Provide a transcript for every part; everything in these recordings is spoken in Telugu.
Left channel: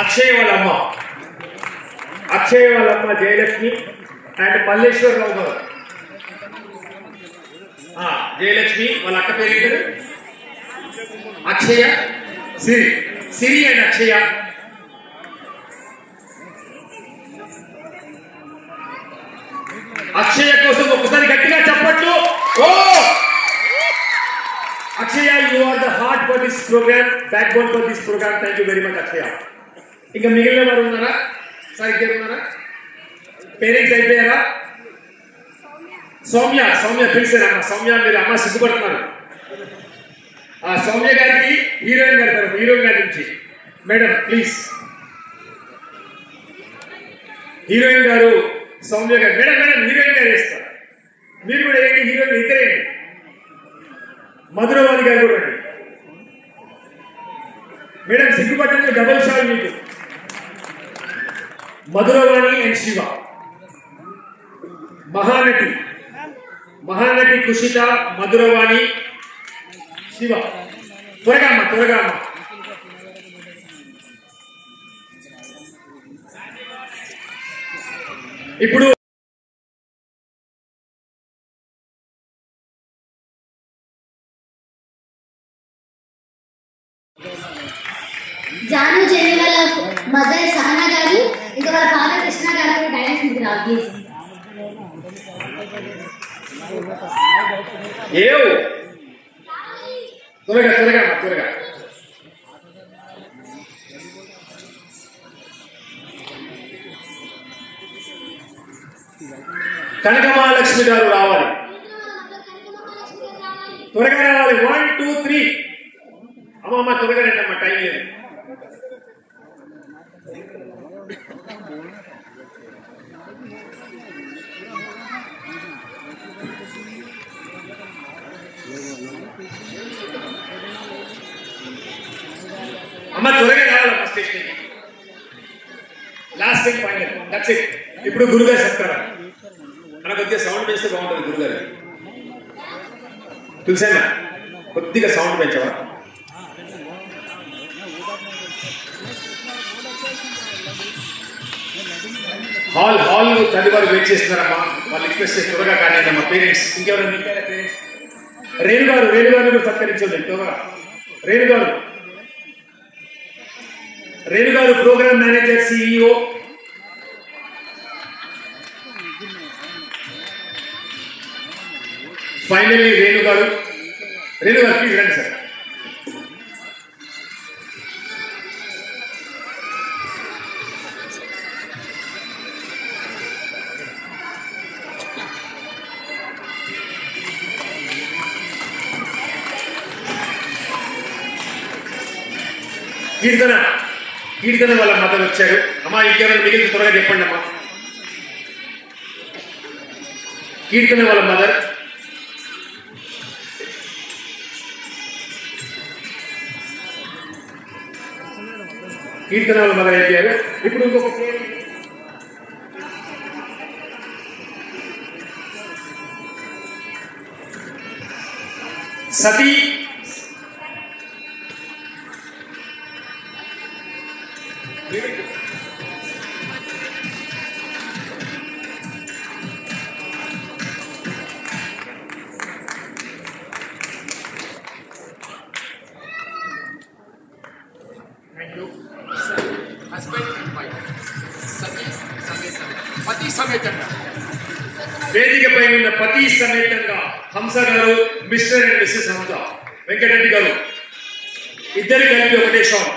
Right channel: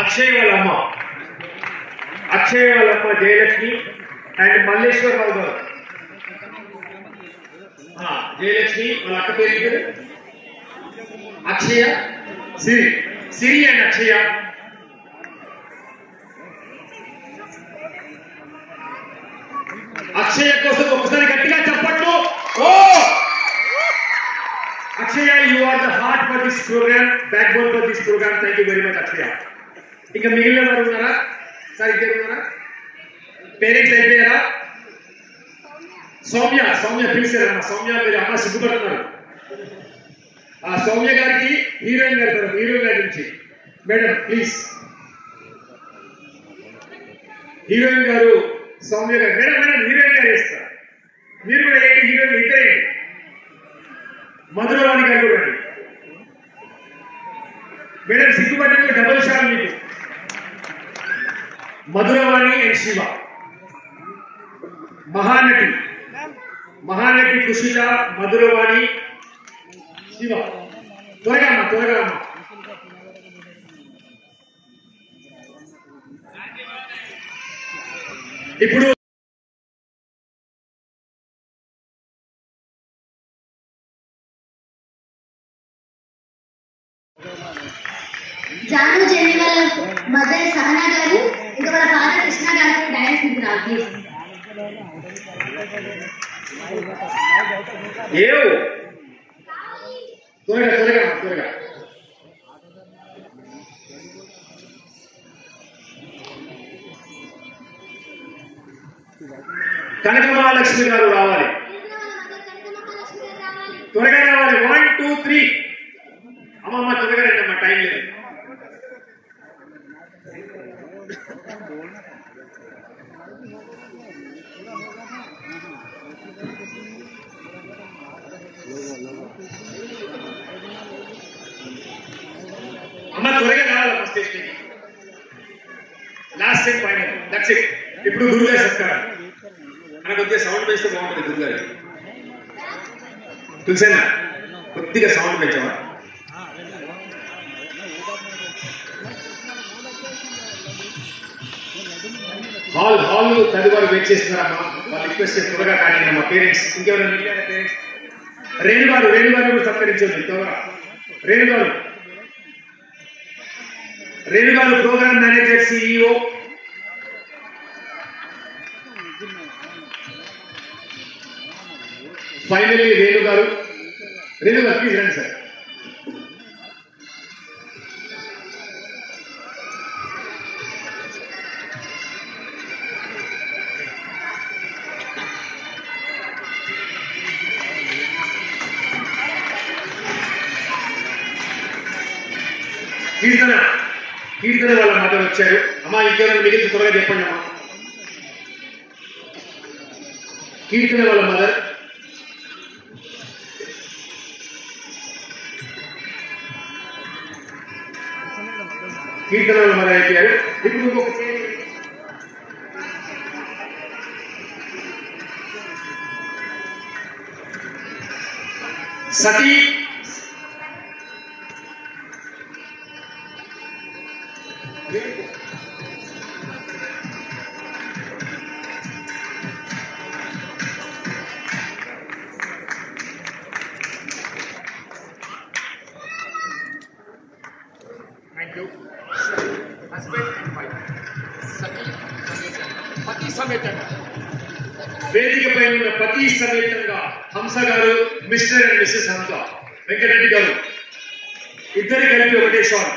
అక్షయ్ వాళ్ళ అమ్మ జయలక్ష్మి అండ్ మల్లేశ్వర్ రావు గారు. జయలక్ష్మి వాళ్ళ అక్క పేరు అక్షయ, సిరి అండ్ అక్షయ. అక్షయ కోసం ఒకసారి గట్టిగా చెప్పట్లు. ఓ Akshaya, you are the heart for this program, backbone for this program. Thank you very much Akshaya. ఇంకా మిగిలిన వారు ఉన్నారా? సార్ ఇద్దరు ఉన్నారా? పేరెంట్స్ అయిపోయారా? సౌమ్య పిలిచారమ్మా. సౌమ్య మీరు అమ్మ సిగ్గుపడుతున్నారు. సౌమ్య గారికి హీరోయిన్ గారు, హీరోయిన్ గారి నుంచి మేడం ప్లీజ్. హీరోయిన్ గారు సౌమ్య గారు. మేడం హీరోయిన్ గారు వేస్తారు. మీరు కూడా ఏంటి హీరోయిన్ ఇద్దరేంటి. మధురవాణి గారు కూడా రండి మేడం. సిగ్గుపడ్డానికి డబుల్ షాల్ మీకు. మధురవాణి అండ్ శివ. మహానటి కుషిత, మధురవాణి, శివ. త్వరగా అమ్మ. ఇప్పుడు జాను జెనిల మదర్ సహనా గారు, ఇంకా వాళ్ళ ఫాదర్ కృష్ణ గారు డాన్స్ ఇస్తున్నారు. త్వరగా. కనకమహాలక్ష్మి గారు రావాలి. త్వరగా రావాలి. 1 2 3. అమ్మమ్మ త్వరగా రండి అమ్మ, టైం లేదు. అమ్మ త్వరగా రావాలి station. Last and final, that's it. ఇప్పుడు గురుగారు చెప్తారు. మనకు కొద్దిగా సౌండ్ పెంచితే బాగుంటుంది. గురుగారు తులసన్న కొద్దిగా సౌండ్ పెంచవా? హాల్ తల్లి వారు వెయిట్ చేస్తున్నారమ్మా. వాళ్ళు రిక్వెస్ట్ చేసి త్వరగా కానీ అమ్మా. పేరెంట్స్ ఇంకెవరైనా పేరెంట్స్ రేణు గారు కూడా సత్కరించండి త్వరగా. Renu garu program manager, CEO. Finally Renu garu please రండి సార్. కీర్తన వాళ్ళ మదర్ వచ్చారు. అమ్మా ఇంకెవరైనా మిగిలిన త్వరగా చెప్పండి అమ్మా. కీర్తన వాళ్ళ మదర్. అయిపోయారు. ఇప్పుడు ఇంకొక సతీ వేదికపై ఉన్న పతి సమేతంగా హంస గారు, మిస్టర్ అండ్ మిస్సెస్ హంస, వెంకటరెడ్డి గారు ఇద్దరు కలిపి ఒకటే షాట్.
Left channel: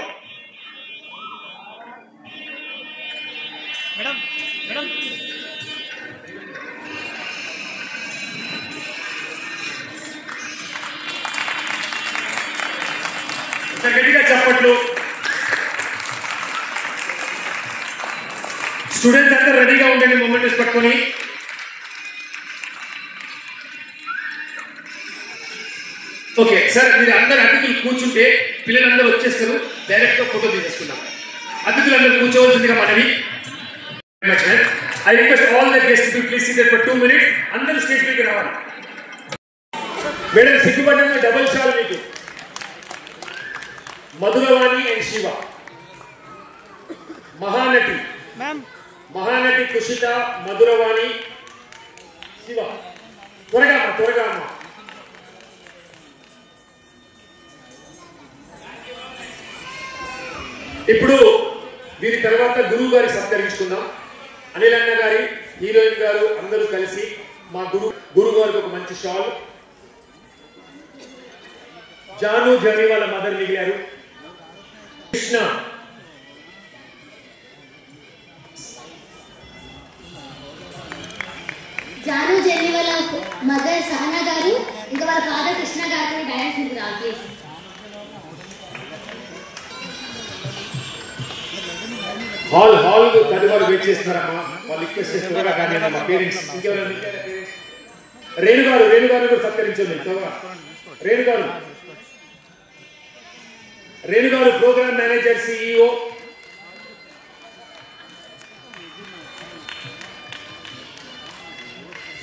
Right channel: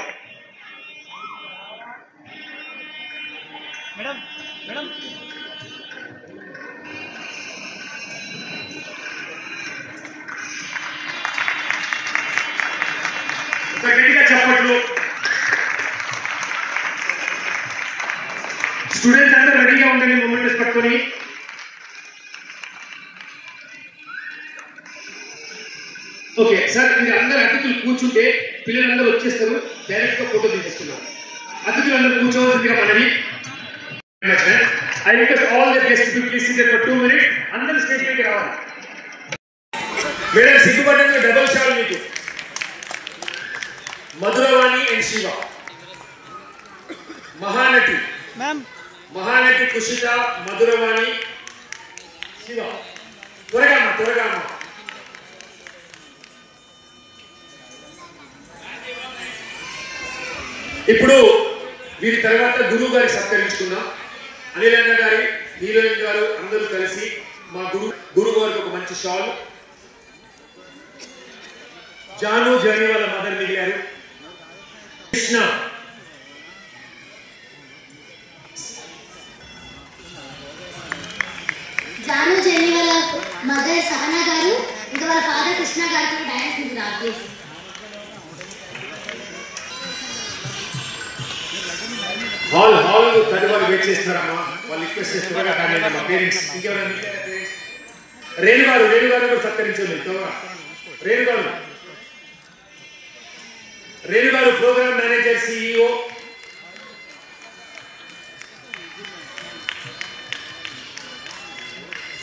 గట్టిగా చెప్పట్లు. స్టూడెంట్స్ అందరూ రెడీగా ఉండండి మూమెంట్స్ పట్టుకొని. ఓకే సార్, మీరు అందరు అతిథులు కూర్చుంటే పిల్లలందరూ వచ్చేస్తారు. డైరెక్ట్ గా ఫోటో తీసేసుకున్నాం. అతిథులందరూ కూర్చోవలసిందిగా మనవి. I request all the guests to please sit there for 2 minutes. అందరూ స్టేజ్ పైకి రావాలి. మేడం సిగ్గుపడంగా డబుల్ షాల్ మీకు. మధురవాణి అండ్ శివ, మహానటి మహానటి కుషిత, మధురవాణి, శివ. త్వరగా అమ్మ. ఇప్పుడు వీరి తర్వాత గురువు గారి సత్కరించుకుందాం. అనిలన్న గారి, నీలన్ గారు అందరూ కలిసి మా గురువు గారికి ఒక మంచి షాల్. జాను జాని వాళ్ళ మదర్ మిగిలారు. కృష్ణ, జాను జాని వాళ్ళ మదర్ సహనా గారు, ఇంకా వాళ్ళ ఫాదర్ కృష్ణ గారు డాన్స్ మీద రాకేసి. హాల్ తడి వాళ్ళు వెయిట్ చేస్తున్నారమ్మా. వాళ్ళు రిక్వెస్ట్ చేస్తున్నారా కానీ మా పేరెంట్స్ రేణుగారు కూడా సత్కరించండి. రేణుగారు ప్రోగ్రామ్ మేనేజర్, సిఇఓ.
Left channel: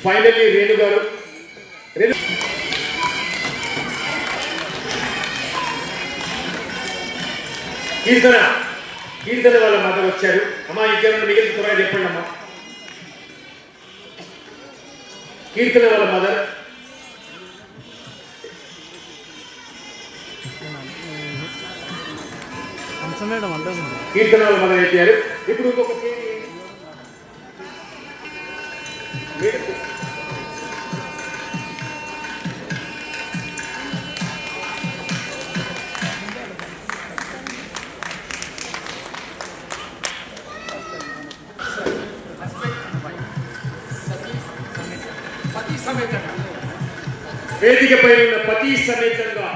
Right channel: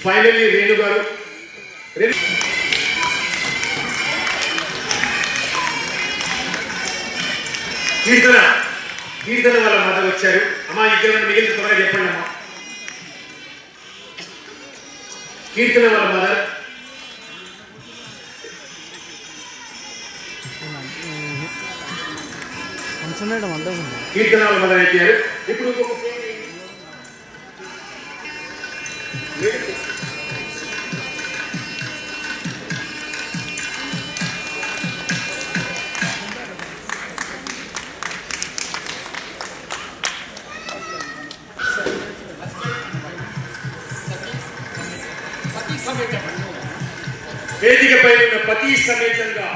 ఫైనల్లీ రేణుగారు. కీర్తన వాళ్ళ మదర్ వచ్చారు. అమ్మా ఇంకేమైనా మిగిలిన త్వరగా చెప్పండి అమ్మా. కీర్తన వాళ్ళ మదర్, అయిపోయారు. ఇప్పుడు వేదికపై ఉన్న పతి సమేతంగా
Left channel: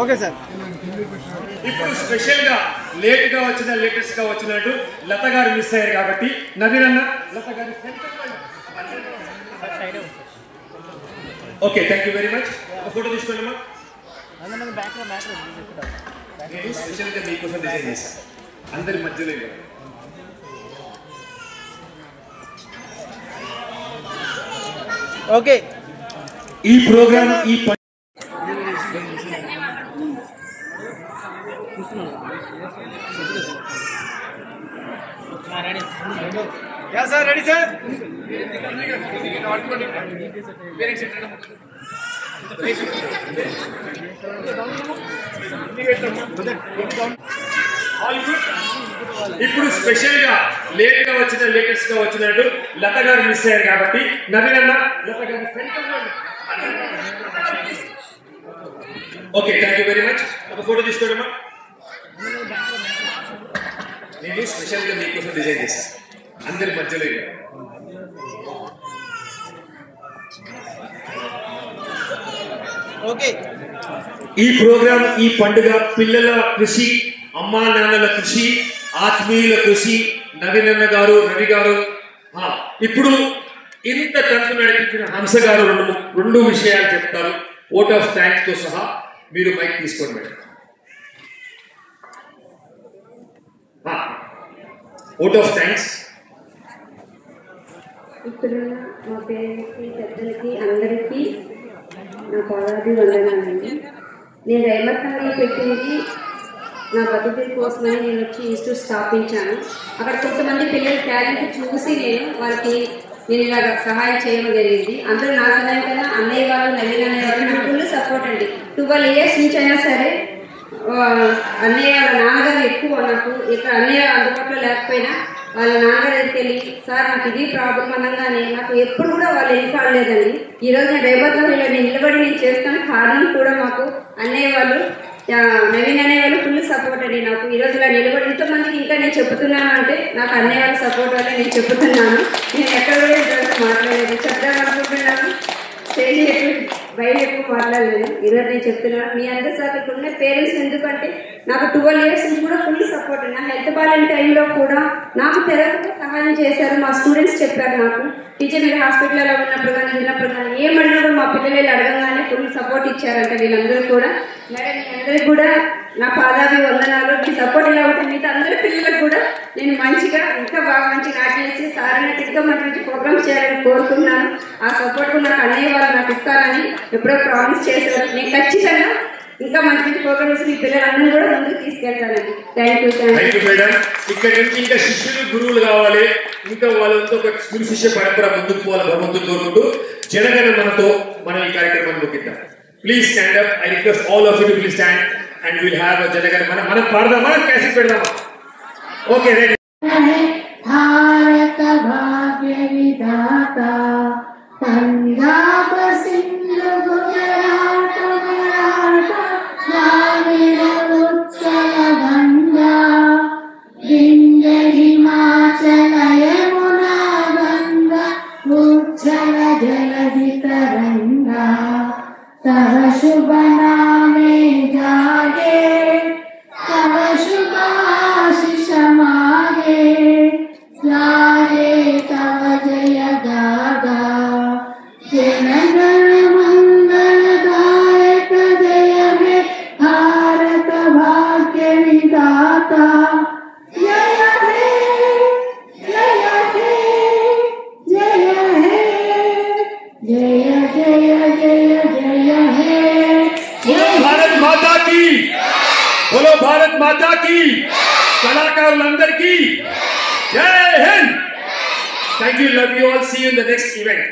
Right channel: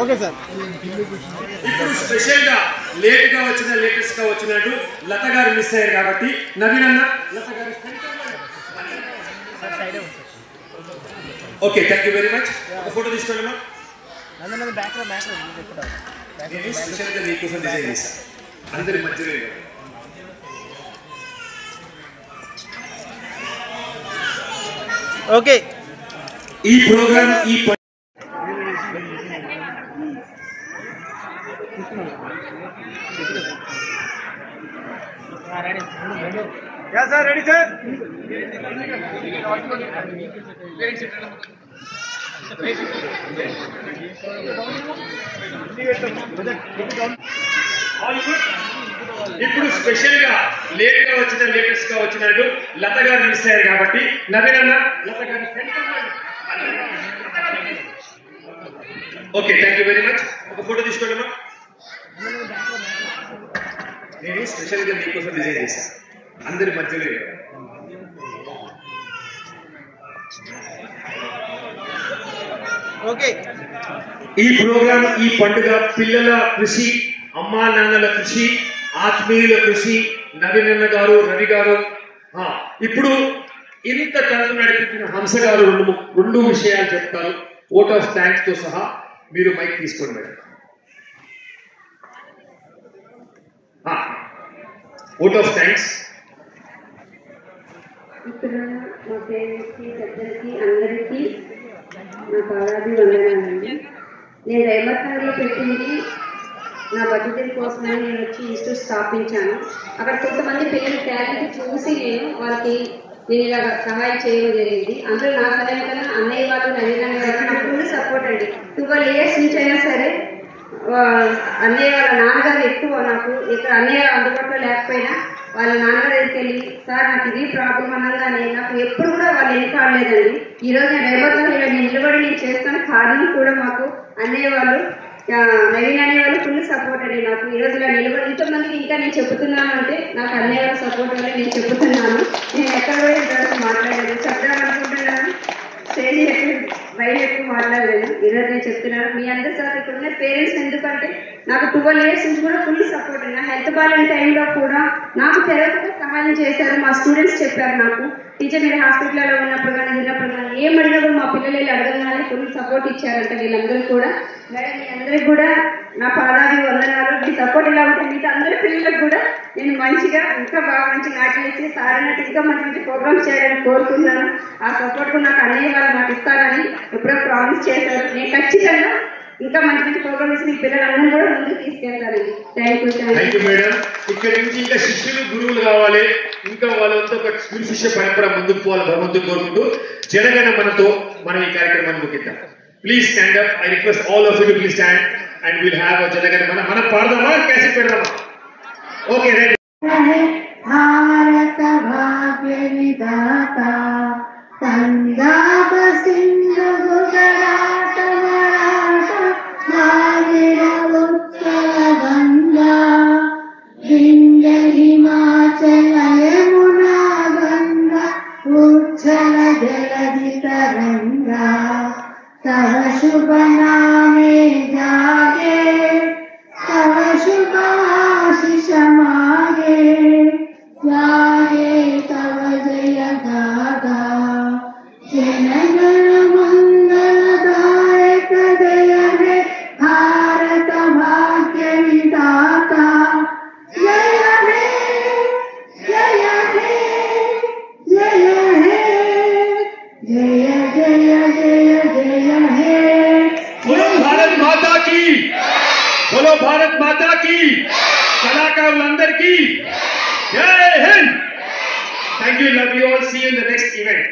ఓకే సార్. ఇప్పుడు స్పెషల్ గా లేటెస్ట్ గా వచ్చినట్టు లత గారు మిస్ అయ్యారు కాబట్టి నవీన్ అన్న లత గారు. Okay, thank you very much. ఒక ఫోటో తీసుకోండి అమ్మా. నేను స్పెషల్ గా మీకోసం డిజైన్ చేశాను. అందరి మధ్యలో ఓకే. ఈ ప్రోగ్రామ్ సార్ రెడీ సార్. ఇప్పుడు స్పెషల్ గా లేటెస్ట్ గా వచ్చినట్టు లత గారు మిస్ అయ్యారు కాబట్టి నవీన్ అన్న లత గారు. Okay, thank you very much. ఒక ఫోటో తీసుకోండి అమ్మా. నేను స్పెషల్ గా మీకోసం డిజైన్ చేశాను. అందరి మధ్యలో ఓకే. ఈ ప్రోగ్రామ్, ఈ పండుగ పిల్లల కృషి, అమ్మా నాన్నల కృషి, ఆత్మీయుల కృషి. నవీన్ అన్న గారు, రవి గారు. ఇప్పుడు ఇంత తంతు నడిపించిన హంస గారు రెండు విషయాలు చెప్తారు. ఓట్ ఆఫ్ థ్యాంక్స్ తో సహా. మీరు మైక్ తీసుకోండి మేడం. Vote of thanks. ఇక్కడ మా పేరెంట్స్కి, పెద్దలకి, అందరికీ నా పాదాభి వందనాలండి. నేను రైమర్ఖాన్లో పెట్టింది నా బతుకుల కోసమని నేను వచ్చి ఇన్స్టిట్యూట్ స్థాపించాను. అక్కడ కొంతమంది పిల్లల టాలెంట్ చూసి నేను ఇలాగ సహాయం చేయడం జరిగింది. అందులో నా సహాయం కన్నా అన్నయ్య వాళ్ళు, నవీన్ అన్నయ్య వాళ్ళు నాకు ఫుల్ సపోర్ట్ అండి. 12 years నుంచి అయినా సరే అన్నయ్య వాళ్ళ నాన్నగారు ఎక్కువ నాకు. ఇక్కడ అన్నయ్య అందుబాటులో లేకపోయినా వాళ్ళ నాన్నగారు దగ్గరికి వెళ్ళి, సార్ నాకు ఇది ప్రాబ్లం అనగానే నాకు ఎప్పుడు కూడా వాళ్ళు ఏం కాలేదండి. ఈరోజు నేను రైమర్ఖాన్లో నిలబడి నేను చేస్తున్న కారణం కూడా మాకు అన్నయ్య వాళ్ళు, నవీన్ అనే వాళ్ళు ఫుల్ సపోర్ట్ అండి నాకు. ఈరోజు ఇలా నిలబడి ఇంతమందికి ఇంకా నేను చెప్తున్నాను అంటే నాకు అన్నయ్య వాళ్ళ సపోర్ట్ వల్ల నేను చెప్తున్నాను. నేను ఎక్కడ కూడా ఇంతవరకు మాట్లాడలేదు. చెప్దామనుకుంటున్నాను. స్టేజ్ బయట మాట్లాడలేదు. ఈరోజు నేను చెప్తున్నాను మీ అందరి సార్ ఇక్కడ ఉన్న పేరెంట్స్, ఎందుకంటే నాకు 12 years నుంచి కూడా ఫుల్ సపోర్ట్. నా హెల్త్ బాగాలేని టైంలో కూడా నాకు తెరవకుండా సహాయం చేశారు. మా స్టూడెంట్స్ చెప్పారు నాకు, టీచర్ మీరు హాస్పిటల్లో ఉన్నప్పుడు కానీ ఉన్నప్పుడు కానీ ఏమడినా కూడా మా పిల్లలు అడగగానే ఫుల్ సపోర్ట్ ఇచ్చారంట వీళ్ళందరూ కూడా. మేడం మీ అందరికి కూడా నా పాదాది వందనాలు. మీ సపోర్ట్ ఇలా ఉంటే మిగతా అందరి పిల్లలకు కూడా నేను మంచిగా ఇంకా బాగా మంచిగా ఆటలేసి సారైనట్టు ఇంకా మంచి ప్రోగ్రామ్స్ చేయాలని కోరుకున్నాను. ఆ సపోర్ట్ నాకు అన్నయ్య వాళ్ళు నాకు ఇస్తారని ఎప్పుడో ప్రామిస్ చేశారు. నేను ఖచ్చితంగా ఇంకా మంచి ప్రోగ్రామ్ చేసి మీ పిల్లలందరూ కూడా ముందుకు తీసుకెళ్తానండి. Thank you madam. ఇక్కడ నుంచి ఇంకా శిష్యులు గురువులు కావాలి, ఇంకా వాళ్ళంతా ఒక గురు శిష్య పరంపర ముందుకు పోవాలి భగవంతుడు కోరుకుంటూ జనగణ మనతో మనం ఈ కార్యక్రమాన్ని ముగిద్దాం. Please stand up. I request all of you to please stand and will have a జనగణ మన. మనం పాడదామా, క్యాసెట్ పెడదామా? Okay right. భారత భాగ్య విధాత పంజాబ్ సింధు గుజరాత మరాఠ భాగీర ఉత్కల గంగా వింధ్య హిమాచల యమునా గంగా ఉజ్జల జలధి తరంగా तव शुभ नामे जागे तव शुभ आशीष मागे गाये तव जय गागा जनगण मंगलदायक जय हे भारत भाग्य विधाता जय हे जय हे जय हे जय जय जय जय हे। भारत माता की बोलो, भारत माता की, कलाकारुలందర్ की जय Hind. Thank you, love you all. See you in the next event.